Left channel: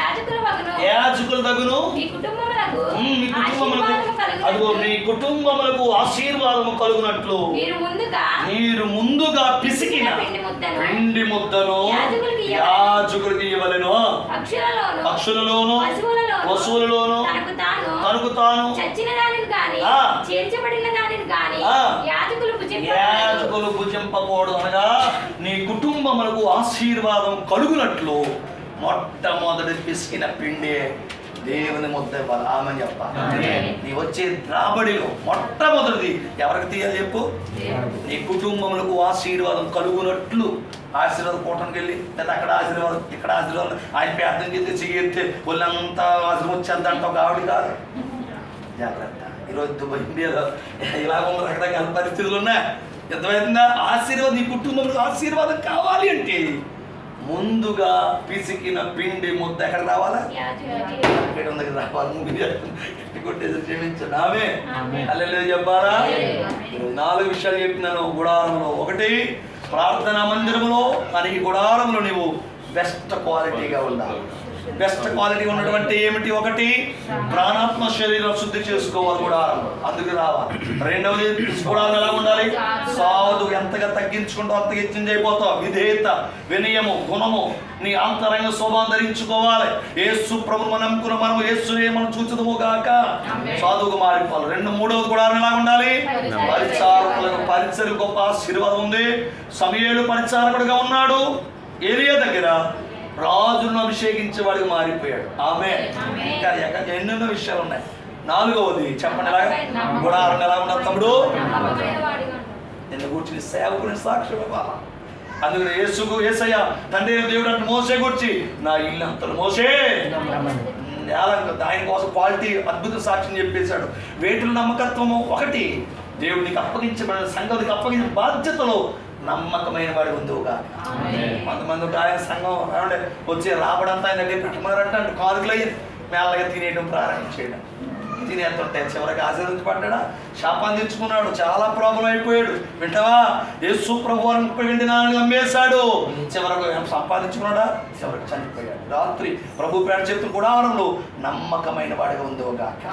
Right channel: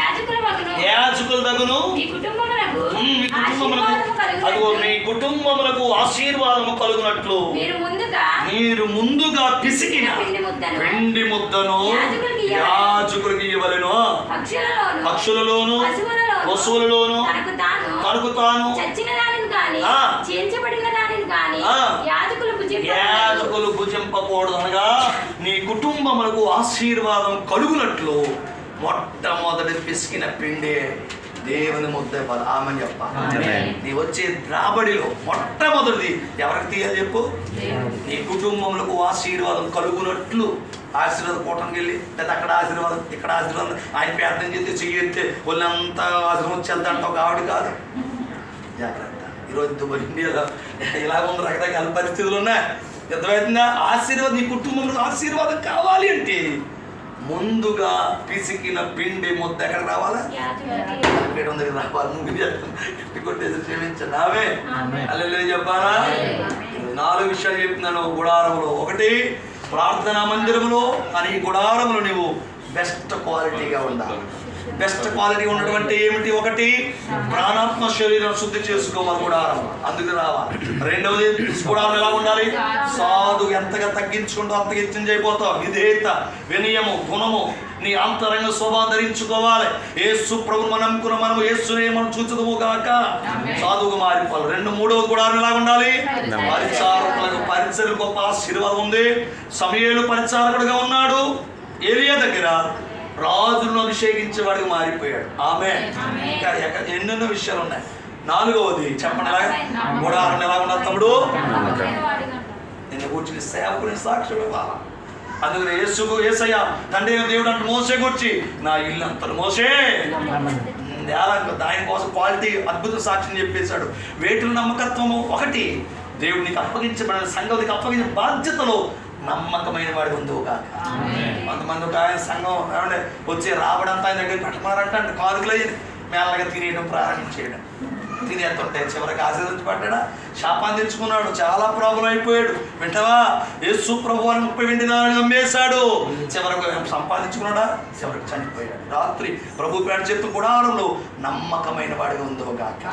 యాజకుల వలన యాజకుల తగును మీ కుటుంబములకు ఆశీర్వాదము అదిగో కలుగునట్లు మీ కుటుంబములకు ఆశీర్వాదము కలుగునట్లు. మీరు ముందుగా పిసికిన పిండి ముద్దను. యాజకులకు ఇవ్వలేను. పక్షులలోను పశువులలోను తనకు తాను. యాజకులు భుజింపకూడదు అనగా నీ కుటుంబములకు ఆశీర్వాదం కలుగునట్లు. మొట్టమొదటి పిసికిన పిండి దేవుని ముద్ద ఇవ్వాలి చెప్పాలి ఆమేన్. నీ వచ్చే రాబడిలో మొట్టమొదటిది ఎవరికి తీయాలి చెప్పు? నీ కుటుంబములకు ఆశీర్వాదం కలుగునట్లు ఆశీర్వాదం కూటమికి వెళ్ళి లేదా అక్కడ ఆశీర్వాదం ఇక్కడ ఆశీర్వాదం ఆయన ప్రార్థన చేస్తే చెయ్యితే వాళ్ళంతా ఆశీర్వాదం వచ్చేద్దంట ఒక ఆవిడ కాదు. జాగ్రత్త. ఈరోజు ఇండియాలో ఇలా ఉన్న రకరకాల పరిస్థితులు ఉన్నాయి. ఎంతమైందా ఆశీర్వాదం నీ కుటుంబంలో ఆశీర్వాదం కావాలి అంటే ముందుగా పిసికిన పిండి ముద్ద ఎక్కడ రావాలా? ఇక్కడ ఉంది? వాళ్ళు ముగ్గురు చేస్తున్నారు కొట్టేసి క్షమించండి. ఆమె. అల్లెలు చెప్పాలా. నాలుగు విషయాలు చెప్తున్నాను గుడారంలో ఒకటి ప్రార్థనా మందిరంలో కానీ ఈ గుడారంలో నువ్వు బెస్ట్ క్వాలిటీగా ఉండాలి. బెస్ట్ క్వాలిటీ ఉన్నటువంటి ఏమిటి? ఒకటి ప్రాణాత్మ శరీరం శుద్ధి చేసుకోవాలి గుడారం అందుకు రావాలి. రెండవది గుడారం ఎలా ఉండాలి? సాధు ఎంతగా తగ్గించుకుంటూ అంత హెచ్చించైపోతావు. విధేయత వినయము గుణము నీ అంతరంగ శోభాన్ని ధరించుకోవాలి. ఏసు ప్రభువు నమ్ముకున్న మనం ఏసునే మనం చూచుదము గాక. సాధువుగా మారిపోవాలి. రెండు మూడవది కూడా ఎలా ఉండాలి? పరిచారకులకు పరిచయం గొప్ప ఆశీర్వాదం ఉంది. సమయలు పరిచారకుడుగా ఉన్నాడు. ఏలియా దగ్గర రాజులను అభిషేకించేవాడిగా మారిపోయాడు. ఆమె ఎన్నెన్నో విషయాలు ఉన్నాయి. నాలుగవది చెప్పండి ఎలా గుడారం ఎలా ఉన్నారు తమ్ముడు. నిన్ను కూర్చుని సేవకుని సాక్షుడు అందుకని యేసుకు యేసయ్య తండ్రి దేవుడు అంటే మోసే గురించి నా ఇల్లు అంతలు మోసే. నేల- ఆయన కోసం క్వాలిటీ అద్భుత సాక్ష్యం చెప్పేశాడు. వేటిలో నమ్మకత్వము ఒకటి. దేవుడు నీకు అప్పగించబడిన సంఘం నీకు అప్పగించిన బాధ్యతలో నమ్మకమైన వాడి ఉందిగా కొంతమంది ఉంటే ఆయన సంఘం ఏమంటే వచ్చి రాబడంతా ఆయన దగ్గర పెట్టమన్నారంట అంటే కానుకలు మేళగా తినేయడం ప్రారంభించేయడం తినేస్తుంటే చివరికి ఆశీర్వదించబడ్డా శాపాన్ని తెచ్చుకున్నాడు. చాలా ప్రాబ్లం అయిపోయాడు. వింటావా? యేసు ప్రభు అని ముప్పై వెండి నాలుగు అమ్మేశాడు. చివరకు సంపాదించుకున్నాడా? చివరికి చనిపోయాడు. రాత్రి ప్రభు పేట చేతు గుడారంలో నమ్మకమైన వాడిగా ఉందో గాక.